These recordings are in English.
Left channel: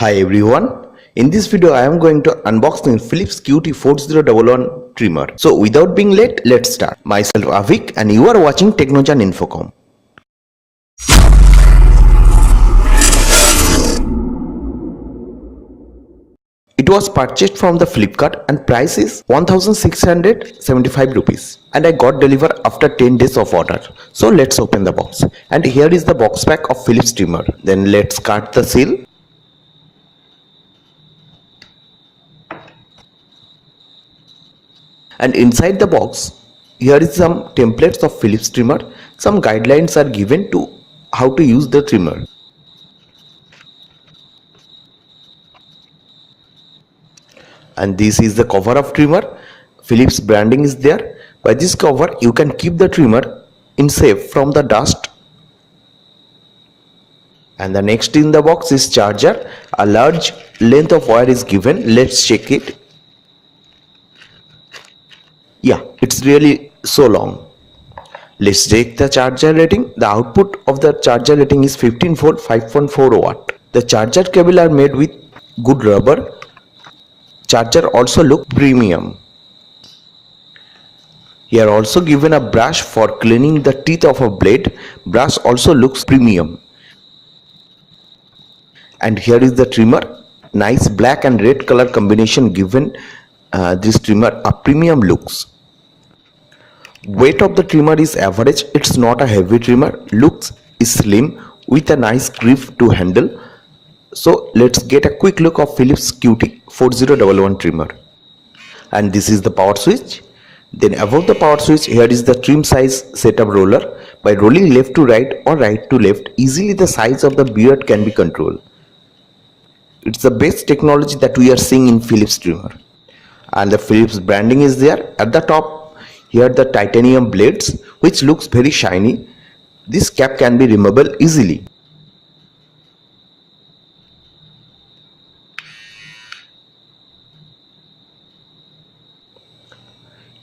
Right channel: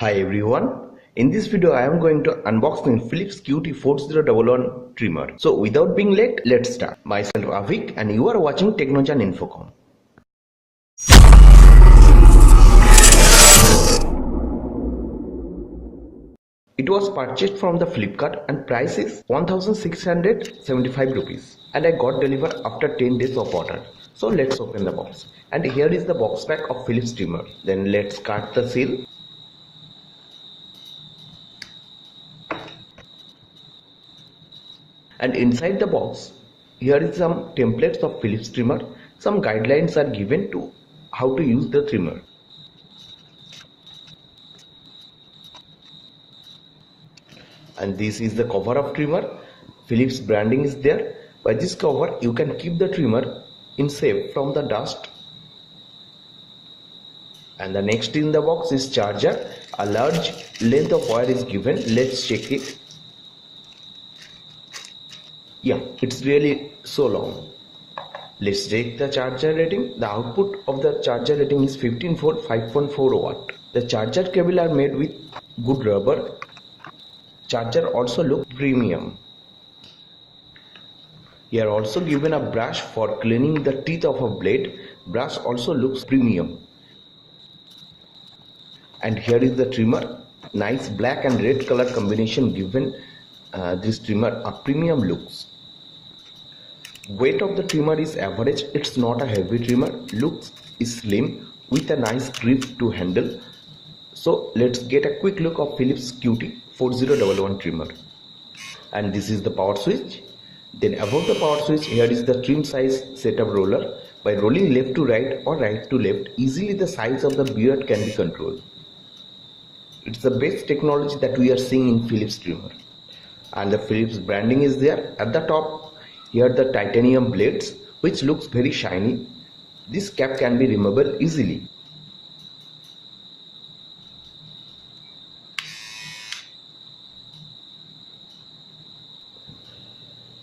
Hi everyone, in this video I am going to unbox the Philips QT4011 trimmer. So without being late, let's start. Myself Avik and you are watching Technojan Infocom. It was purchased from the Flipkart and price is 1675 rupees and I got delivered after 10 days of order. So let's open the box. And here is the box pack of Philips trimmer. Then let's cut the seal. And inside the box, here is some templates of Philips trimmer. Some guidelines are given to how to use the trimmer. And this is the cover of trimmer. Philips branding is there. By this cover, you can keep the trimmer in safe from the dust. And the next in the box is charger. A large length of wire is given. Let's check it. Yeah, it's really so long. Let's check the charger rating. The output of the charger rating is 15 volt 5.4 watt. The charger cable are made with good rubber. Charger also look premium. Here also given a brush for cleaning the teeth of a blade. Brush also looks premium. And here is the trimmer. Nice black and red color combination given this trimmer a premium looks. Weight of the trimmer is average. It's not a heavy trimmer. Looks is slim with a nice grip to handle. So let's get a quick look of Philips QT4011 trimmer. And this is the power switch. Then above the power switch, here is the trim size setup roller. By rolling left to right or right to left, easily the size of the beard can be controlled. It's the best technology that we are seeing in Philips trimmer. And the Philips branding is there. At the top, here the titanium blades, which looks very shiny. This cap can be removable easily.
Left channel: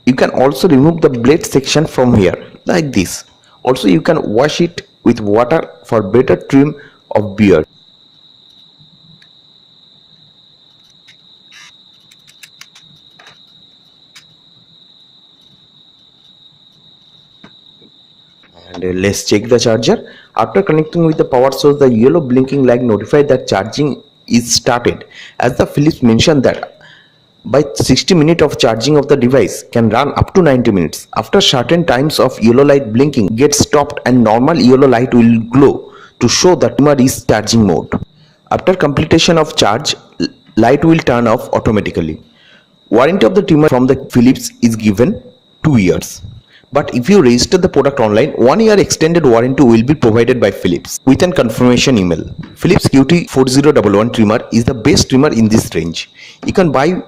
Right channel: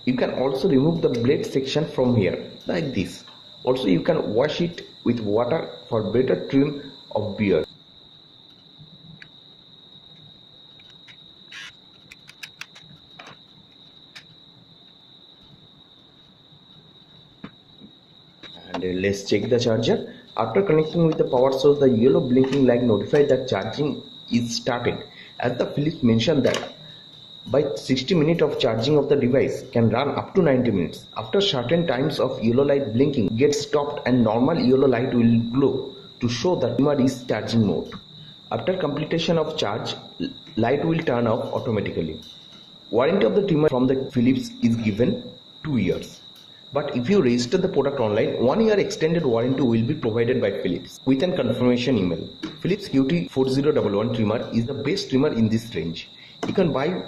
You can also remove the blade section from here like this. Also you can wash it with water for better trim of beard. And let's check the charger. After connecting with the power source, the yellow blinking light notifies that charging is started. As the Philips mentioned that by 60 minutes of charging of the device can run up to 90 minutes. After certain times of yellow light blinking gets stopped and normal yellow light will glow to show that trimmer is charging mode. After completion of charge, light will turn off automatically. Warranty of the trimmer from the Philips is given 2 years. But if you register the product online, 1 year extended warranty will be provided by Philips with a confirmation email. Philips QT4011 trimmer is the best trimmer in this range. You can buy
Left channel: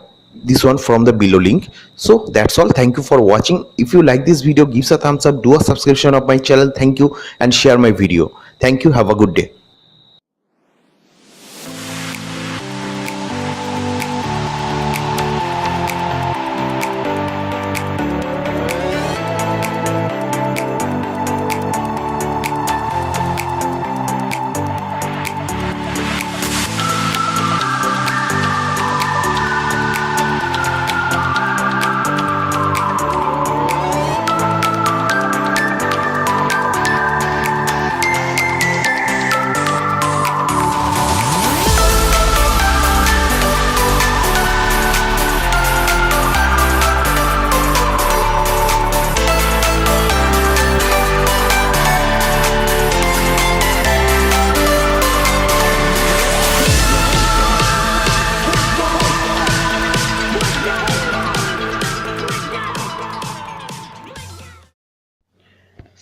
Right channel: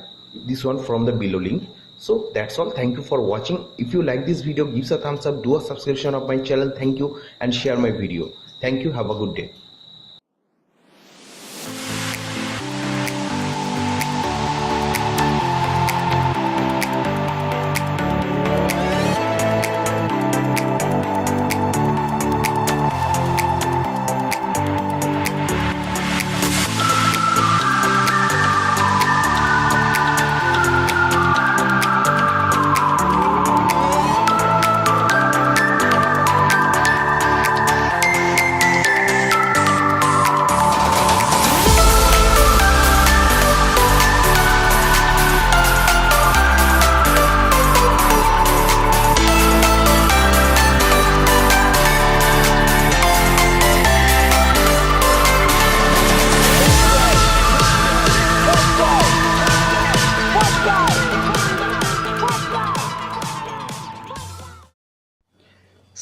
this one from the below link. So that's all. Thank you for watching. If you like this video, give us a thumbs up, do a subscription of my channel. Thank you and share my video. Thank you. Have a good day.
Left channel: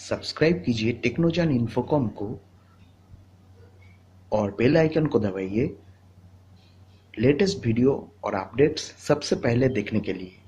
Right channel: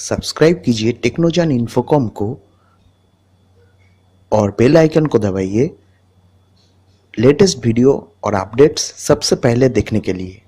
Subscribe कीजिए टेक्नोजान Infocom को और bell icon को दबाइए latest video और updates सबसे पहले देखने के लिए।